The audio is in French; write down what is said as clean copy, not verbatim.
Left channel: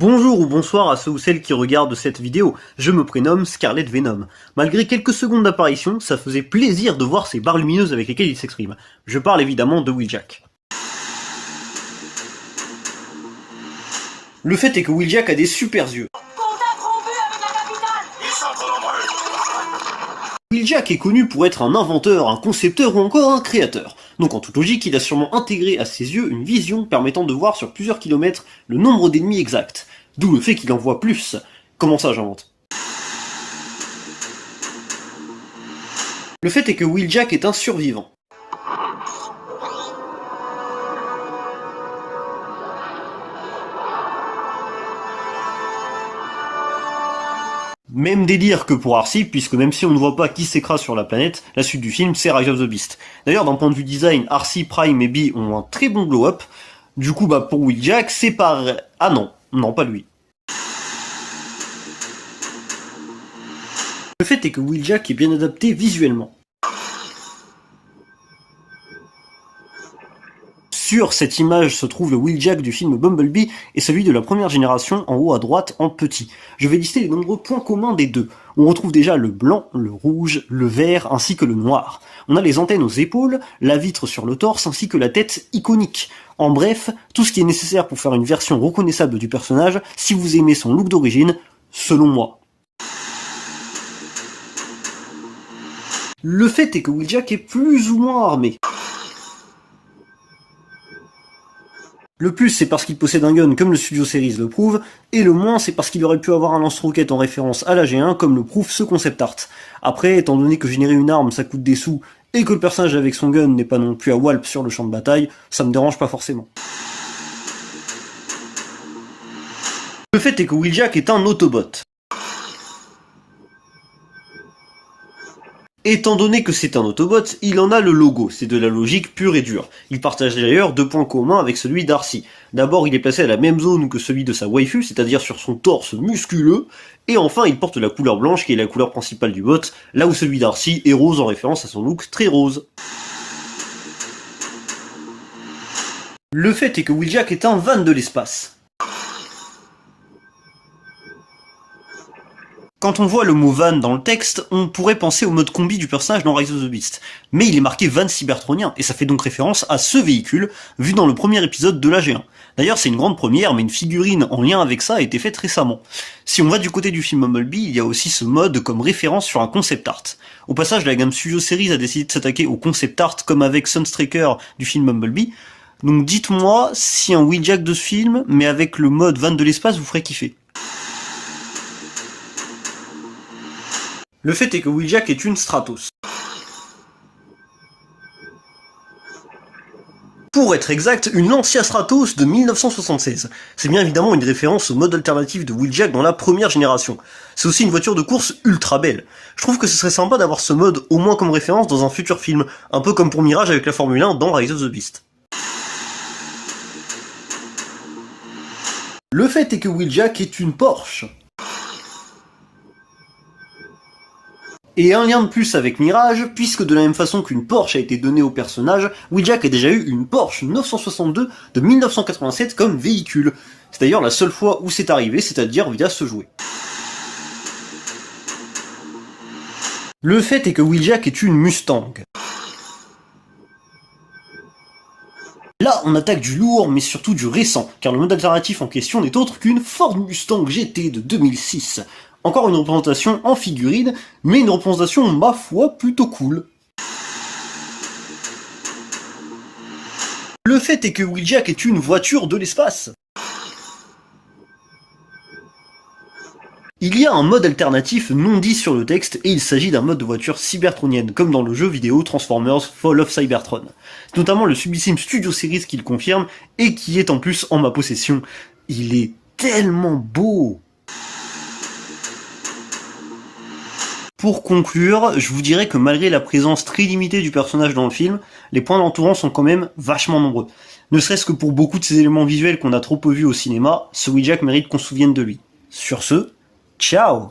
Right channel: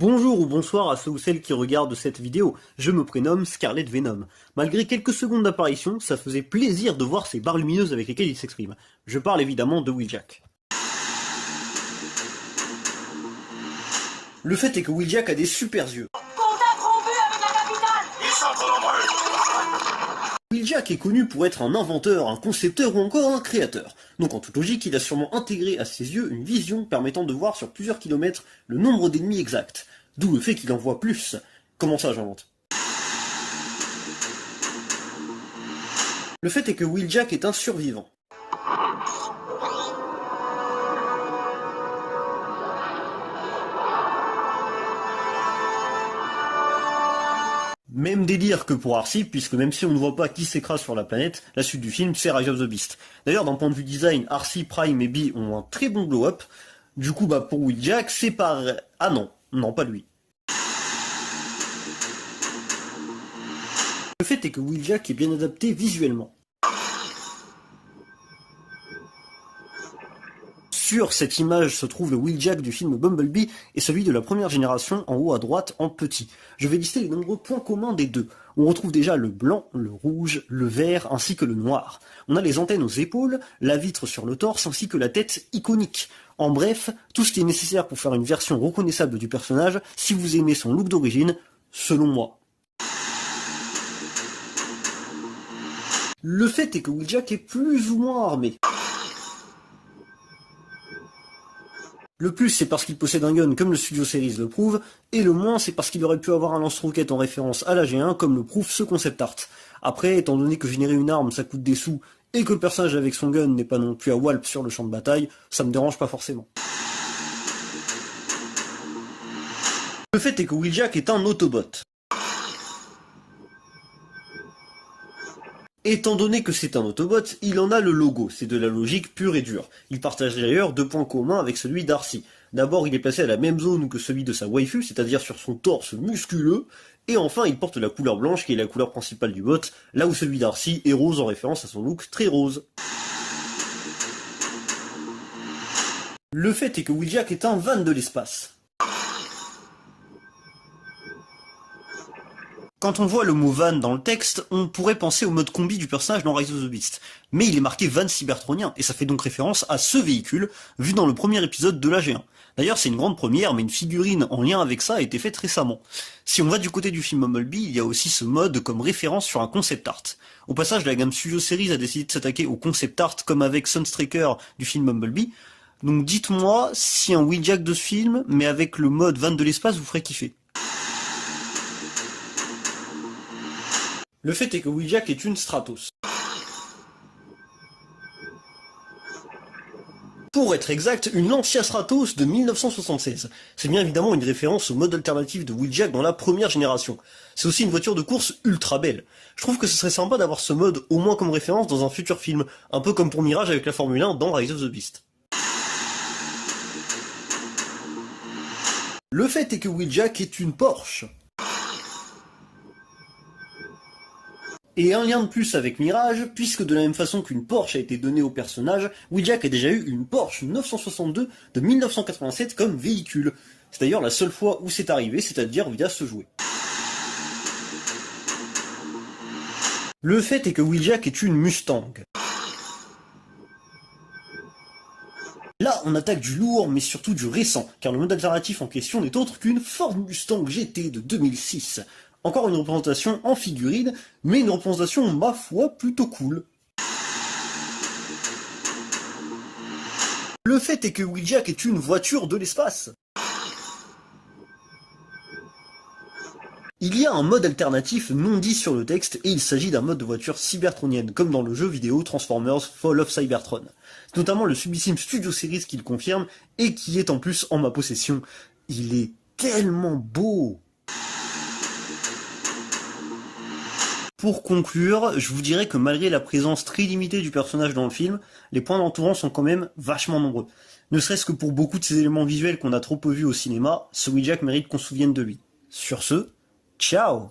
Bonjour ou bonsoir à ceux ou celles qui regardent cette vidéo, je me prénomme Scarlet Venom. Malgré quelques secondes d'apparition, ça faisait plaisir de voir ces barres lumineuses avec lesquelles il s'exprime. Je parle évidemment de Wheeljack. Le fait est que Wheeljack a des super yeux. Wheeljack est connu pour être un inventeur, un concepteur ou encore un créateur. Donc en toute logique, il a sûrement intégré à ses yeux une vision permettant de voir sur plusieurs kilomètres le nombre d'ennemis exact. D'où le fait qu'il en voit plus. Comment ça j'invente? Le fait est que Wheeljack est un survivant. Même délire que pour Arcee, puisque même si on ne voit pas qui s'écrase sur la planète, la suite du film c'est Rise of the Beast. D'ailleurs d'un point de vue design, Arcee, Prime et Bee ont un très bon glow-up. Du coup pour Wheeljack c'est pareil. Ah non, pas lui. Le fait est que Wheeljack est bien adapté visuellement. Sur cette image se trouve le Wheeljack du film Bumblebee et celui de la première génération en haut à droite en petit. Je vais lister les nombreux points communs des deux. On retrouve déjà le blanc, le rouge, le vert ainsi que le noir. On a les antennes aux épaules, la vitre sur le torse ainsi que la tête iconique. En bref, tout ce qui est nécessaire pour faire une version reconnaissable du personnage si vous aimez son look d'origine, selon moi. Le fait est que Wheeljack est plus ou moins armé. Le plus c'est parce qu'il possède un gun comme le Studio Series le prouve, et le moins c'est parce qu'il aurait pu avoir un lance-roquette en référence à la G1 comme le prouve ce concept art. Après, étant donné que générer une arme ça coûte des sous, et que le personnage avec son gun n'est pas non plus à Walp sur le champ de bataille, ça me dérange pas forcément. Le fait est que Wheeljack est un Autobot. Étant donné que c'est un Autobot, il en a le logo, c'est de la logique pure et dure. Il partage d'ailleurs deux points communs avec celui d'Arcee. D'abord, il est placé à la même zone que celui de sa waifu, c'est-à-dire sur son torse musculeux, et enfin il porte la couleur blanche qui est la couleur principale du bot, là où celui d'Arcee est rose en référence à son look très rose. Le fait est que Wheeljack est un van de l'espace. Quand on voit le mot van dans le texte, on pourrait penser au mode combi du personnage dans Rise of the Beast. Mais il est marqué van cybertronien, et ça fait donc référence à ce véhicule, vu dans le premier épisode de la G1. D'ailleurs c'est une grande première, mais une figurine en lien avec ça a été faite récemment. Si on va du côté du film Bumblebee, il y a aussi ce mode comme référence sur un concept art. Au passage, la gamme Studio Series a décidé de s'attaquer au concept art comme avec Sunstreaker du film Bumblebee. Donc dites-moi si un Wheeljack de ce film, mais avec le mode van de l'espace, vous ferait kiffer. Le fait est que Wheeljack est une Stratos. Pour être exact, une Lancia Stratos de 1976. C'est bien évidemment une référence au mode alternatif de Wheeljack dans la première génération. C'est aussi une voiture de course ultra belle. Je trouve que ce serait sympa d'avoir ce mode au moins comme référence dans un futur film, un peu comme pour Mirage avec la Formule 1 dans Rise of the Beast. Le fait est que Wheeljack est une Porsche. Et un lien de plus avec Mirage, puisque de la même façon qu'une Porsche a été donnée au personnage, Wheeljack a déjà eu une Porsche 962 de 1987 comme véhicule. C'est d'ailleurs la seule fois où c'est arrivé, c'est-à-dire via ce jouet. Le fait est que Wheeljack est une Mustang. Là, on attaque du lourd, mais surtout du récent, car le mode alternatif en question n'est autre qu'une Ford Mustang GT de 2006. Encore une représentation en figurine, mais une représentation, ma foi, plutôt cool. Le fait est que Wheeljack est une voiture de l'espace. Il y a un mode alternatif non dit sur le texte, et il s'agit d'un mode de voiture cybertronienne, comme dans le jeu vidéo Transformers Fall of Cybertron. C'est notamment le sublissime Studio Series qui le confirme, et qui est en plus en ma possession. Il est tellement beau! Pour conclure, je vous dirais que malgré la présence très limitée du personnage dans le film, les points l'entourant sont quand même vachement nombreux. Ne serait-ce que pour beaucoup de ces éléments visuels qu'on a trop peu vus au cinéma, ce Wheeljack mérite qu'on se souvienne de lui. Sur ce, ciao!